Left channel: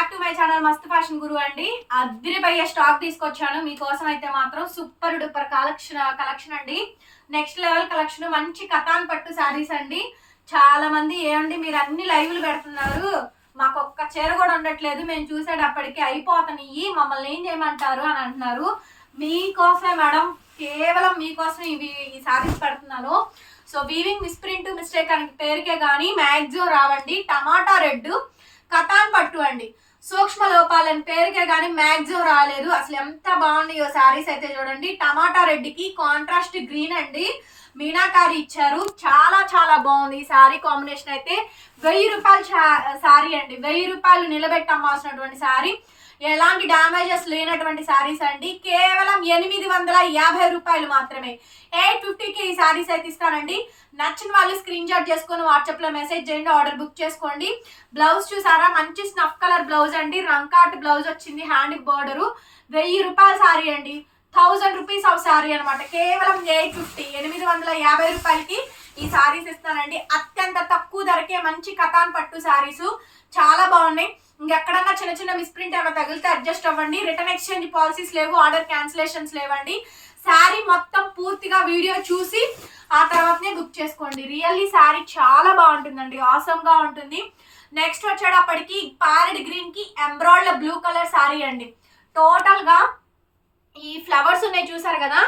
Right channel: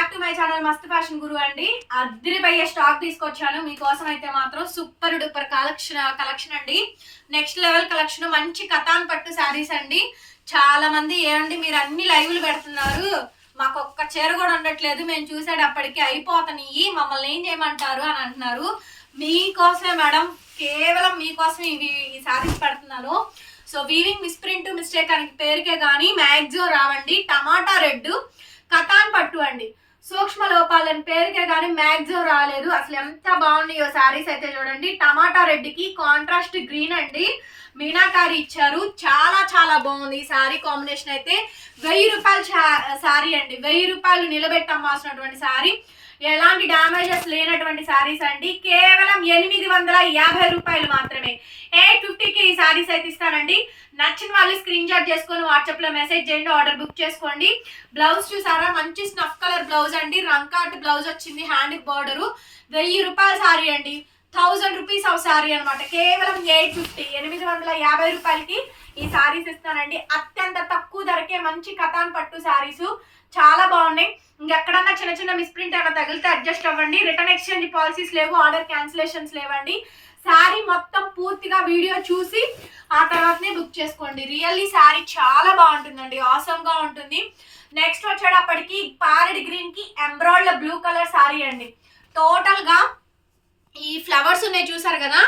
Back to my channel మస్త్ fashion గురు అండి. అద్దరిపోయే stock తీసుకొచ్చాను మీకోసం. అయితే మాత్రం సూపర్ డూపర్ కలెక్షన్ అండి. Next level collection. మంచి కతాన్ పట్టు శారీస్ అండి. చాలా మంది ఏమండి మీరు అన్ని లైవ్లు పెడుతున్నారు, మాకు ఒక్క చీర కూడా ఉండట్లేదు, మేము చూసేటప్పటికి అయిపోతాయి, మమ్మల్ని ఏం చేయమంటారు అని అంటున్నారు. మీకోసమే మేడం, కేవలం మీకోసం ఈ శారీస్ పెడుతున్నాను. సో వీవింగ్ మిస్ప్రింట్ మిస్టేక్ అని పేరుకే కానీ మ్యాక్సిమం రావండి. టమాటా రెడ్ కతాన్ పట్టు అండి. సూక్ష్మ లోపాలని పేరుకే కానీ మ్యాక్సిమం రాలేదు. అసలు ఎంత బాగున్నాయో శారీస్ అయితే చూడండి. టమాటా రెడ్కి కాంట్రాస్ట్ గ్రీన్ అండి, మీనాకారి ఇచ్చారు. చాలా చాలా బాగుంది ఈ శారీ కాంబినేషన్. అయితే 1000 రూపాయల శారీ అండి. 1000 రూపాయలు నిలబెట్టి అమ్మాల్సినటువంటి శారీ, ఎలాంటి డ్యామేజెస్ లేనటువంటి శారీస్ అండి. కేవలం 850 రూపాయలు మాత్రమే. 850కి ఈ శారీస్ అయితే ఇస్తానండి. నచ్చిన వాళ్ళు స్క్రీన్ షాట్ చేసుకొని వాట్సాప్లో మెసేజ్ చేయండి, ఆర్డర్ బుక్ చేసుకోండి. బ్లౌజ్ చూసారా, మంచి స్నఫ్ కలర్ బ్లౌజ్ అండి. రంకాట్ బ్లౌజ్ వచ్చింది, హ్యాండ్ బార్డరు. 1000 రూపాయల శారీ అండి. 1000 రూపీస్ ఆఫ్ శారీ అనమాట. కేవలం 850 రూపాయలకి ఈ శారీస్ ఇస్తానండి. అత్యంత తక్కువ ధరకే మంచి కతాన్ పట్టు శారీస్ చాలా బాగున్నాయి. ఇంకెక్కడన్నా చిన్న చిన్న మిస్ప్రింట్ ఏమైనా తగిలితే అడ్జస్ట్ అవ్వండి. రిటర్న్ ఎక్స్చేంజ్ పాలసీస్ లేవు, ఆర్డర్ క్యాన్సిలేషన్స్ లేవండి. శారీ మొత్తం పూర్తిగా వీడియో చూసి ఆ తర్వాతనే బుక్ చేసుకోండి. రియల్లీ శారీ చాలా బాగుంటుందండి, ఆసమ్గా ఉంటుంది. నెక్స్ట్ వచ్చేటప్పటికి ప్యారెట్ గ్రీన్ కి ఎంబ్రాయిడ్ బ్లూ కలర్ శారీ అండి. టోటల్ గా ఈ ఫ్లవర్స్ ఉన్నాయి చూసారు కదా,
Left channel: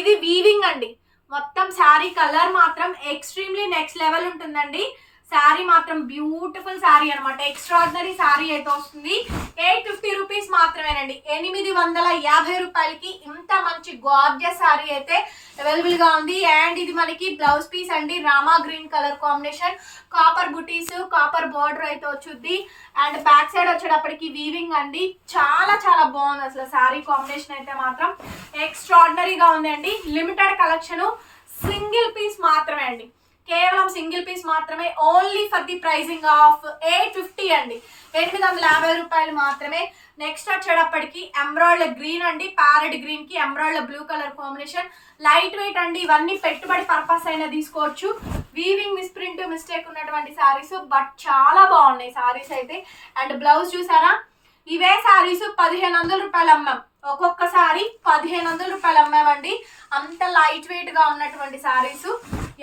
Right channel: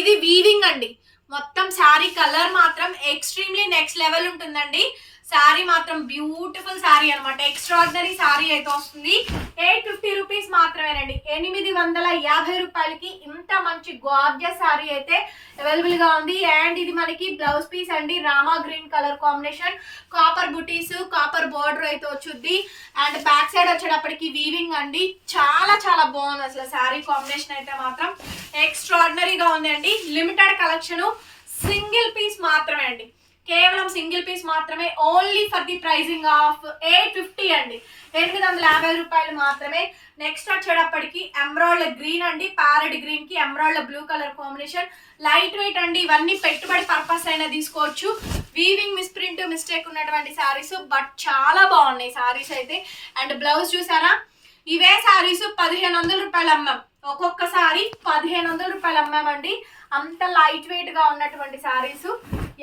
ఇది వీవింగ్ అండి. మొత్తం శారీ కలర్ మాత్రం ఎక్స్ట్రీమ్లీ నెక్స్ట్ లెవెల్ ఉంటుందండి. శారీ మాత్రం బ్యూటిఫుల్ శారీ అనమాట. ఎక్స్ట్రాడినరీ శారీ అయితే వస్తుంది. 850 రూపీస్ మాత్రమేనండి. 850 రూపాయలకి ఇంత మంచి గార్జియస్ శారీ అయితే అవైలబుల్ గా ఉంది. అండ్ ఇది మనకి బ్లౌజ్ పీస్ అండి, Rama green colour combination, copper బుటీస్, కాపర్ బార్డర్ అయితే వచ్చుద్ది. అండ్ బ్యాక్ సైడ్ వచ్చేటప్పటికి వీవింగ్ అండి. చాలా చాలా బాగుంది అసలు శారీ కాంబినేషన్ అయితే మాత్రం ఎక్స్ట్రాడినరీగా ఉంది అండి. లిమిటెడ్ కలెక్షన్, సింగిల్ పీస్ మాత్రమే అండి. కేవలం సింగిల్ పీస్ మాత్రమే. Only for the pricing of 850 అండి. 850 రూపాయలు మాత్రమే. నెక్స్ట్ వచ్చేటప్పటికి ఎంబ్రాయిడ్ గ్రీన్ అండి, ప్యారెట్ గ్రీన్ కి embroidered blue colour combination. Light weight అండి, ఇవన్నీ పెట్టుబడి పర్పస్ అయినా తీసుకోవచ్చు. వీవింగ్ మిస్ప్రింట్ మిస్టేక్ ఉన్నటువంటి శారీస్, బట్ చాలా బాగున్నాయి శారీస్ అయితే. అండ్ బ్లౌజ్ చూసారా, ఇవే శారీస్ 1500 రూపాయలు అమ్మాం. ఒక్కొక్క శారీ 1500 రూపాయలు అమ్మామండి. అంత లైట్ వెయిట్ గా ఉన్నటువంటి శారీస్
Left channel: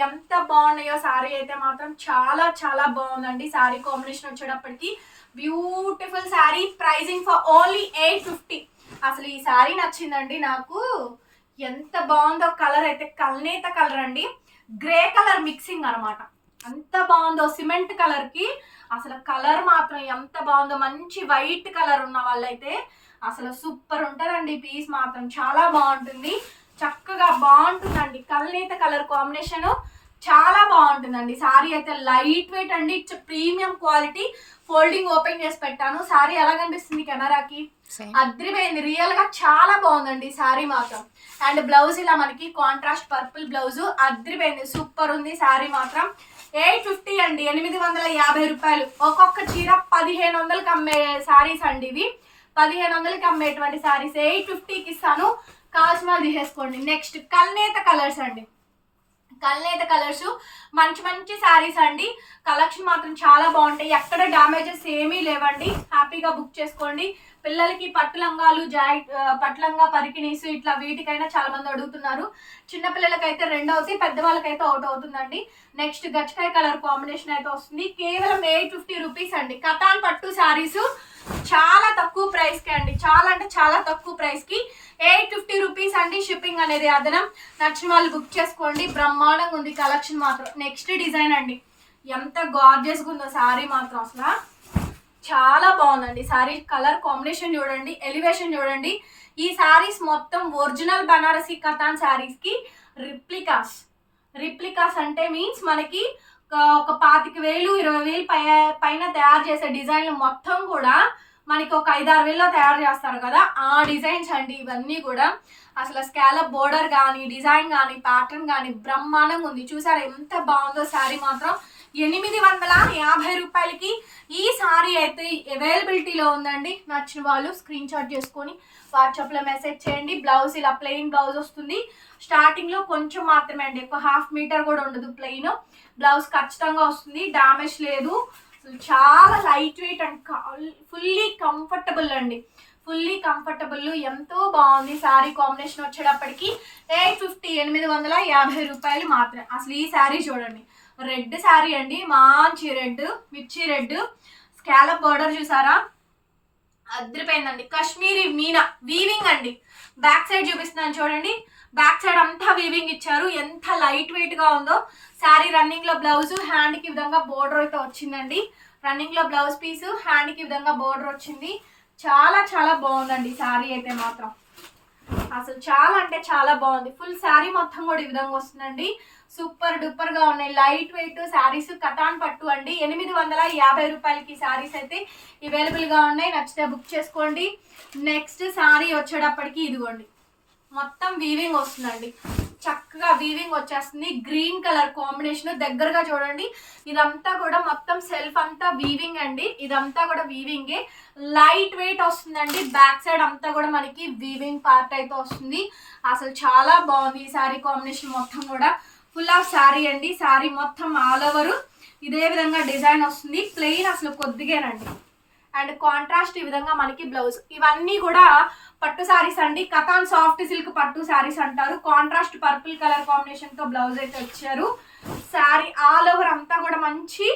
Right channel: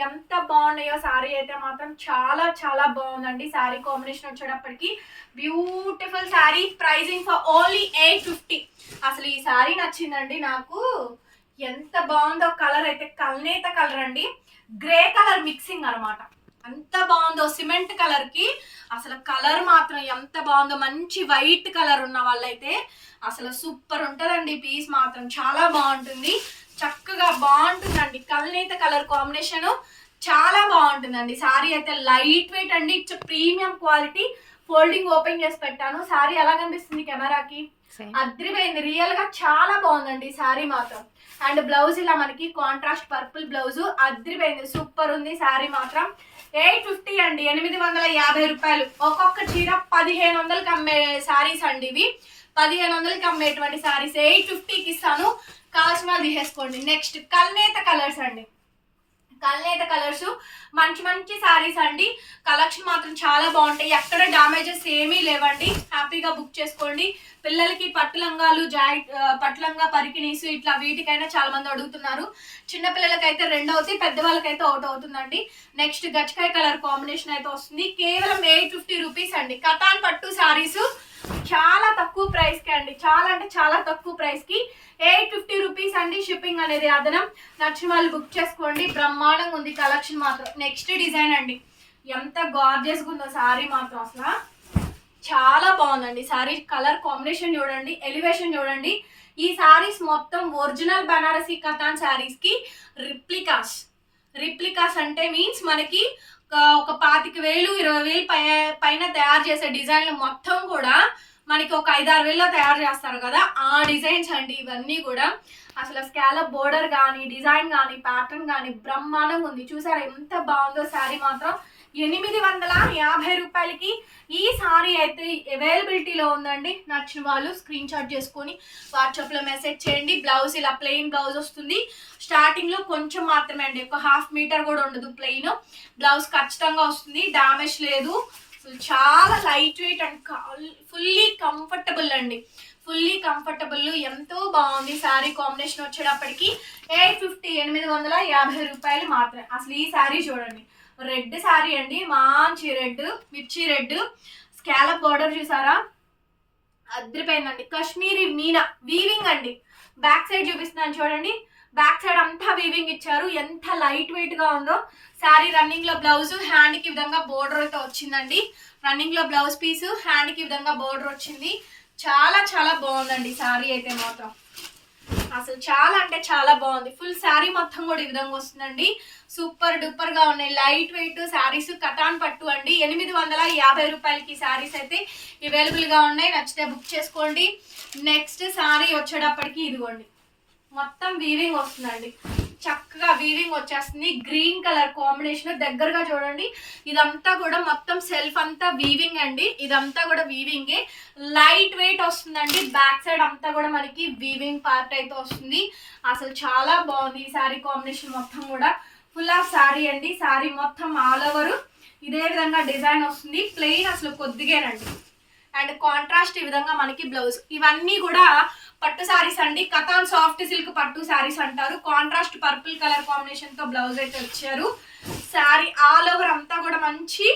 ఎంత బాగున్నాయో. శారీ అయితే మాత్రం చాలా చాలా బాగుందండి. శారీ కాంబినేషన్ వచ్చేటప్పటికి beautiful sari. Pricing for only 850. అసలు ఈ శారీ నచ్చిందండి నాకు, ఎంత బాగుందో. కలర్ అయితే కల్నేత కలర్ అండి, గ్రే కలర్ మిక్సింగ్ అనమాట. ఎంత బాగుందో సిమెంట్ కలర్ కి. అసలు కలర్ మాత్రం ఎంత బాగుందో. మంచి వైట్ కలర్ ఉన్న వాళ్ళైతే అసలు సూపర్ ఉంటుందండి. పీస్ మాత్రం చాలా బాగుంటుంది, చక్కగా బాగుంటుందండి. కల్నేత కలర్ కాంబినేషన్ చాలా బాగుంటుందండి. శారీ అయితే లైట్ వెయిట్ అండి, it's premium quality. Folding open చేసి పెట్టాను. శారీ ఎలా కనిపిస్తుంది కెమెరాకి, అద్రిపోయింది. రియల్ గా చాలా బాగుందండి శారీ మాత్రం. అండ్ బ్లౌజ్ ఇలా మనకి కాంట్రాస్ట్ పర్పుల్ బ్లౌజ్, అద్రిపోయింది, సూపర్ ఉంది శారీ మాత్రం. 850 అండి. 850 రూపాయలు. ఒక్కొక్క చీర 1500కి అమ్మే శారీస్ అండి ఇవి. 1500కి అమ్మేటువంటి శారీస్ 850కి ఇస్తాను. కావాల్సిన వాళ్ళు తీసేసుకోండి. నెక్స్ట్ కల్నేత కలర్స్ అండి. కల్నేత కలర్స్ మంచి మంచి శారీస్ అండి. కలెక్షన్ మాత్రం చాలా బాగుంటాయి, ఎక్కడ డ్యామేజెస్ ఏమీ లేవండి. హ్యాపీగా బుక్ చేసుకోండి. పిల్లలకి పట్టులంగాలు, పట్టులంగా పరికినీసు ఇట్లా వీటికైనా చాలా మంది అడుగుతున్నారు. చిన్నపిల్లలకైతే 2 అవుతాయి, పెద్దవాళ్ళకైతే 1 అవుతుందండి. నెక్స్ట్ గచ్చకాయ కలర్ కాంబినేషన్ అయితే వస్తుంది. కేవలం 850 రూపీస్ అండి. కతాన్ పట్టు శారీస్ చాలా తక్కువ ప్రైస్ కి అండి, చాలా అంటే చాలా తక్కువ ప్రైస్ కి 850 రూపీస్ అండి. షిప్పింగ్ అనేది అదనం. నచ్చిన వాళ్ళు బుక్ చేసుకోండి. బ్రహ్మాండంగా ఉంది కలెక్షన్ మాత్రం. నెక్స్ట్ డిజైన్ అండి, ఎంత గార్జియస్ గా ఉందో శారీ మాత్రం, అసలు చాలా బాగుందండి. శారీ కలర్ కాంబినేషన్ చూడండి, ఎలివేషన్ చూడండి. ఈ శారీస్ మొత్తం ఒరిజినల్ బనారసి కతాన్ శారీస్ కి రిప్లికాస్ అంటే మీన్స్ మనకి ఒక 25,000 20,000 పైన తయారు చేసే డిజైన్లు మొత్తం కూడా మనకి ఒక 5-6 వేలలో తయారు చేస్తారు కదా, ఆ డిజైన్స్ అండి ఇవన్నీ కూడా. అసలు స్కాలప్ బోర్డర్ కానీ, డిజైన్ కానీ, ప్యాటర్న్ కానీ బ్రహ్మాండంగా ఉంది. చూసారా ఎంత బాగుందో శారీ మాత్రం. 850 రూపాయలకి ఈ శారీ అయితే అవైలబిలిటీలో ఉందండి. నచ్చిన వాళ్ళు స్క్రీన్ షాట్ చేసుకొని వాట్సాప్లో మెసేజ్ చేయండి. బ్లౌజ్ ఇలా ప్లెయిన్ బ్లౌజ్ వస్తుంది. స్టార్టింగ్లో కొంచెం మాత్రమే అండి, ఒక 1/2 మీటర్ కూడా ఉండదు. ప్లెయిన్ బ్లౌజ్ ఖచ్చితంగా వస్తుంది, డామేజ్ లేదు. అసలు చాలా light weight and fully comfortable అండి. ఫుల్లీ కంఫర్టబుల్, ఎంతో బాగుంది. శారీ కాంబినేషన్ వచ్చేటప్పటికి 850, 850 రూపాయలు మాత్రమే. అసలు ఈ శారీ చూడండి, రెడ్ శారీ అండి, మంచి రెడ్, మిర్చి రెడ్, స్కాలప్ బార్డర్ చూసారా, అదిరిపోయిందండి. కాశ్మీరీ మీనా వీవింగ్ అండి. బ్యాక్ సైడ్ చూపిస్తున్నాను చూడండి, బ్యాక్ సైడ్ అంతా వీవింగ్ ఇచ్చారు. ఎంత లైట్ వెయిట్ గా ఉందో. శారీ రన్నింగ్ లో బ్లౌజ్, హ్యాండ్ కి విధంగా బోర్డర్ అయితే వచ్చిందండి. రన్నింగ్ లో బ్లౌజ్ పీస్, హ్యాండ్ కి విధంగా బోర్డర్ వచ్చింది. చాలా చాలా బాగుందండి శారీ అయితే మాత్రం. అసలు చాలా అంటే చాలా బాగుంది. ఫుల్ శారీ మొత్తం కూడా ఈ విధంగా వస్తుందండి. సూపర్ డూపర్ గా ఉన్నాయి. లైట్ వెయిట్ శారీస్, కటాన్ పట్టు అండి. 850 రూపాయలకి శారీస్ అయితే అవైలబుల్ గా ఉన్నాయి. నచ్చితే బుక్ చేసుకోండి. నెక్స్ట్ శారీ వచ్చేటప్పటికి ఇదిగోండి, మొత్తం వీవింగ్ వస్తుందండి. చక్కగా వీవింగ్ వచ్చేస్తుంది. గ్రీన్ కలర్ కాంబినేషన్, దగ్గరగా చూడండి. ఇదంతా కూడా మొత్తం సెల్ఫ్ అంతా వీవింగ్ అండి. ఇదంతా కూడా వీవింగే. లైట్ వెయిట్ వస్తుందండి. బ్యాక్ సైడ్ అంతా కూడా మనకి వీవింగ్ పార్ట్ అయితే వస్తుంది. అసలు చాలా బాగుంది ఈ శారీ కాంబినేషన్ మొత్తం కూడా. ఫుల్ ఆఫ్ శారీ అండి. శారీ మొత్తం ఆల్ ఓవర్ ఇదే విధంగా డిజైన్ వస్తుంది. ప్లెయిన్ అసలు కొద్దిగానండి. అండ్ కాంట్రాస్ట్ ఈ విధంగా మనకి బ్లౌజ్. ఇవన్నీ కూడా పట్టు శారీస్ అండి. కథాన్ సాఫ్ట్ సిల్క్ పట్టు శారీస్ అంటారు. కాంట్రాస్ట్ పర్పుల్ కలర్ కాంబినేషన్ తో బ్లౌజ్ అయితే వచ్చారు. శారీ ఆల్ ఓవర్ అంతా కూడా మంచి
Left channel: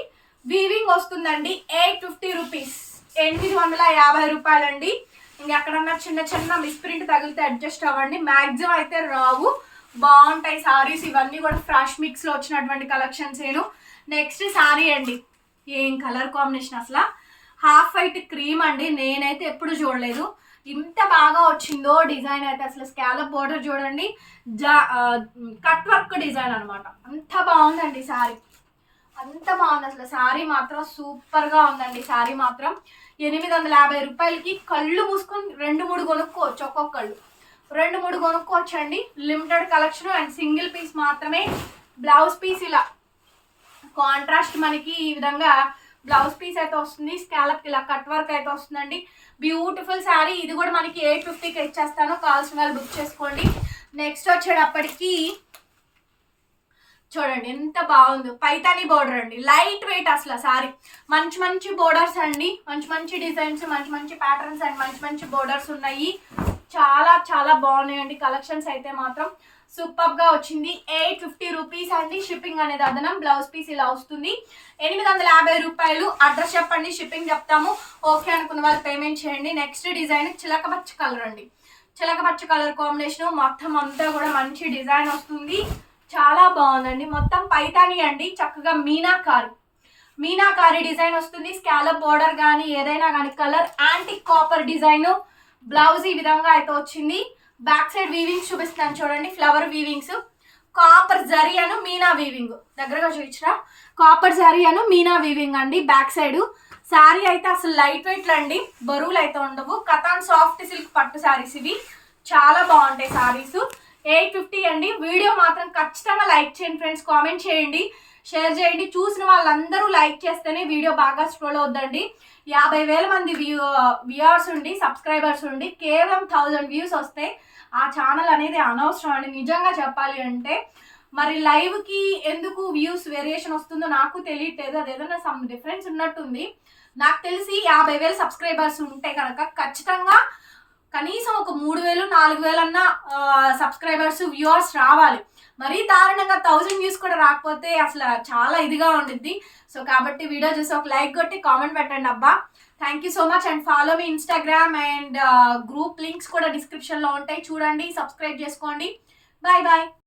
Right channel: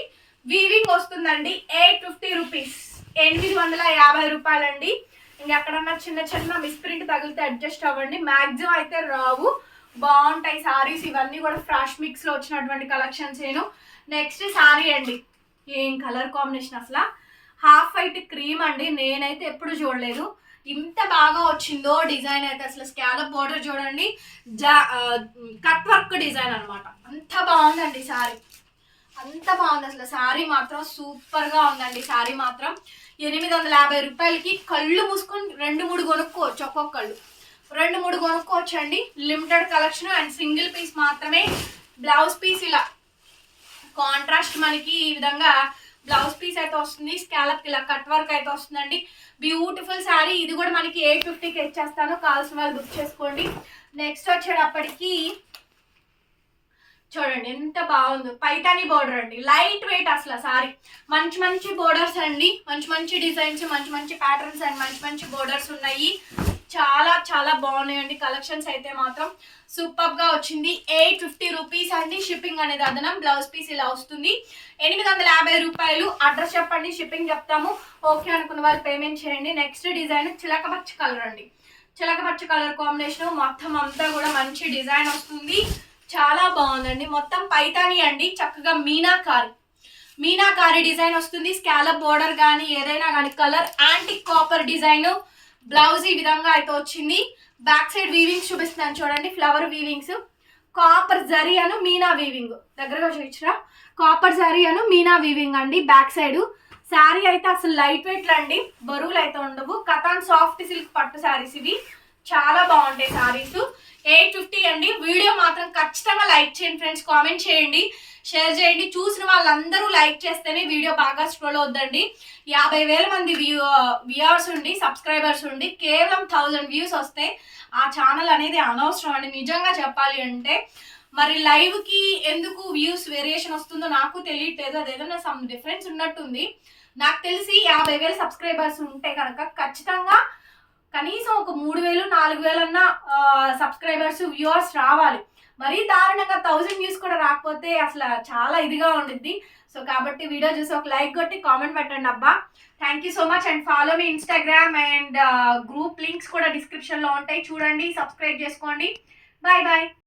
వీవింగ్ వస్తుందండి. 850 రూపీస్, 850 రూపాయలండి. ఇంకెక్కడన్నా చిన్న చిన్న మిస్ప్రింట్ తగిలితే అడ్జస్ట్ అవ్వండి. మ్యాక్సిమం అయితే రావు. బాగుంటాయి శారీస్. ఇవన్నీ కూడా ఫ్రాష్ మిక్స్ లో వచ్చినటువంటి కలెక్షన్స్ ఏను. నెక్స్ట్ శారీ అండి, ఏం కలర్ కాంబినేషన్ అసలు. హాఫ్ వైట్ క్రీమ్ అండి. నేనైతే ఎప్పుడు చూడలేదు ఇంత బాగా వచ్చిందో డిజైన్ అయితే. అసలు స్కాలప్ బోర్డర్ చూడండి, కట్ వర్క్ డిజైన్ అనమాట. అంత బాగుందండి శారీ, అంత బాగుంది. అసలు శారీ మాత్రం సూపర్ గా ఉందండి. శారీ మాత్రం 850 రూపాయలకి కళ్ళు మూసుకొని 2-3 కొనుక్కోవచ్చు. ఒక్కొక్కళ్ళు 2-3 కొనుక్కోవచ్చు అండి. Limited collection and single piece మాత్రమే. బ్లౌజ్ పీస్ ఇలా కాంట్రాస్ట్ మనకి ఈ విధంగా బ్లౌజ్ పీస్ అయితే వస్తుంది. స్కాలప్ ఇలా కట్ వర్క్ అయితే వస్తుందండి. బ్యూటిఫుల్ శారీ. ఇది కూడా మనకి 850కి ఇచ్చేస్తాను. కావాల్సిన వాళ్ళు బుక్ చేసుకోండి. నెక్స్ట్ వచ్చేటప్పటికి చూడండి ఎంత బాగుందో, పైతాని బోర్డర్ అండి. లైట్ వెయిట్ అసలు శారీ. మంచి మంచి బోర్డర్స్ అండి, మంచి మంచి డిజైన్స్, మంచి మంచి ప్యాటర్న్స్ అండ్ మంచి మంచి బోర్డర్స్ ఉన్నాయి. చాలా చాలా బాగున్నాయండి కలెక్షన్స్ అయితే మాత్రం. సూపర్ గా వచ్చింది. 850 రూపీస్ అండి. షిప్పింగ్ అనేది అదనం. బ్లౌజ్ పీస్ ఇలా వస్తుంది. 850 రూపాయలు. అడ్రస్ చెప్పండి, షిప్పింగ్ చెప్తాము. ఓకే అనుకున్న వాళ్ళు పేమెంట్ చేయండి. నెక్స్ట్ డిజైన్ చిలకపచ్చ కలర్ అండి. చిలకపచ్చ కలర్ కాంబినేషన్ మొత్తం అంతా కూడా మంచి డిజైన్ వస్తుంది. చాలా బాగుందండి. మొత్తం పైతాని అండి. చక్కగా మీనాకారి డిజైన్ వస్తుంది. స్కాలప్ బోర్డర్ కానీ ఏదైనా కానీ colour antique copper design. Blouse ఈ విధంగా అయితే వచ్చింది. బ్యాక్ సైడ్ వీవింగ్స్ చూపిస్తున్నాను చూడండి, ఫ్లవర్ వీవింగ్స్. కాపర్ జరీ అను మీనా వీవింగ్, దగ్గరగా చూపించరా, కాపర్ జరీ అను మీనా వీవింగ్ అండి బ్యాక్ సైడ్. శారీ అయితే అసలు లైట్ వెయిట్ అండి, బరువులు అయితే ఉండవు. కథాన్ సాఫ్ట్ సిల్క్ పట్టు శారీస్ ఇవి. చాలా బాగుంటాయి శారీస్. 850 అండి. వీడియో మాత్రం ఖచ్చితంగా లైక్ చేయండి ఫ్రెండ్స్, కామెంట్ చేయండి, షేర్ చేయండి. చూసిన వాళ్ళందరూ లైక్ చేస్తేనే వీడియో బాగా స్క్రోల్ అవుద్దండి. 50,000 మంది వ్యూవర్స్ ఉండి, సబ్స్క్రైబర్స్ ఉండి కేవలం 1000 వ్యూస్ వస్తే ఆ ఛానల్ అనేది అనవసరం అండి నిజంగా చెప్పాలి అంటే. మరి లైవ్కి ఎందుకు వ్యూస్ వేరియేషన్ వస్తుందో నాకు తెలియట్లేదు. అదేదన్నా సమ్ డిఫరెన్స్ ఉన్నట్టుంది. నాకు తెలిసి 50,000 సబ్స్క్రైబర్స్ ఉంటే కనుక ఖచ్చితంగా కనీసం ఒక 3,000 4,000 అన్న సబ్స్క్రైబర్స్ వ్యూవర్స్ రావాలి. మరీ దారుణంగా 1000 వ్యూస్ కూడా రాకపోతే అసలు చాలా ఇదిగా ఉండిద్ది. సో కాబట్టి వీడియో చూసి ఒక లైక్ కొట్టి కామెంట్ పెట్టండి అబ్బా. Thank you so much. And follow me Instagram and group links కూడా డిస్క్రిప్షన్లో ఉంటాయి, చూడండి, సబ్స్క్రైబ్ చేసుకోండి. Bye bye.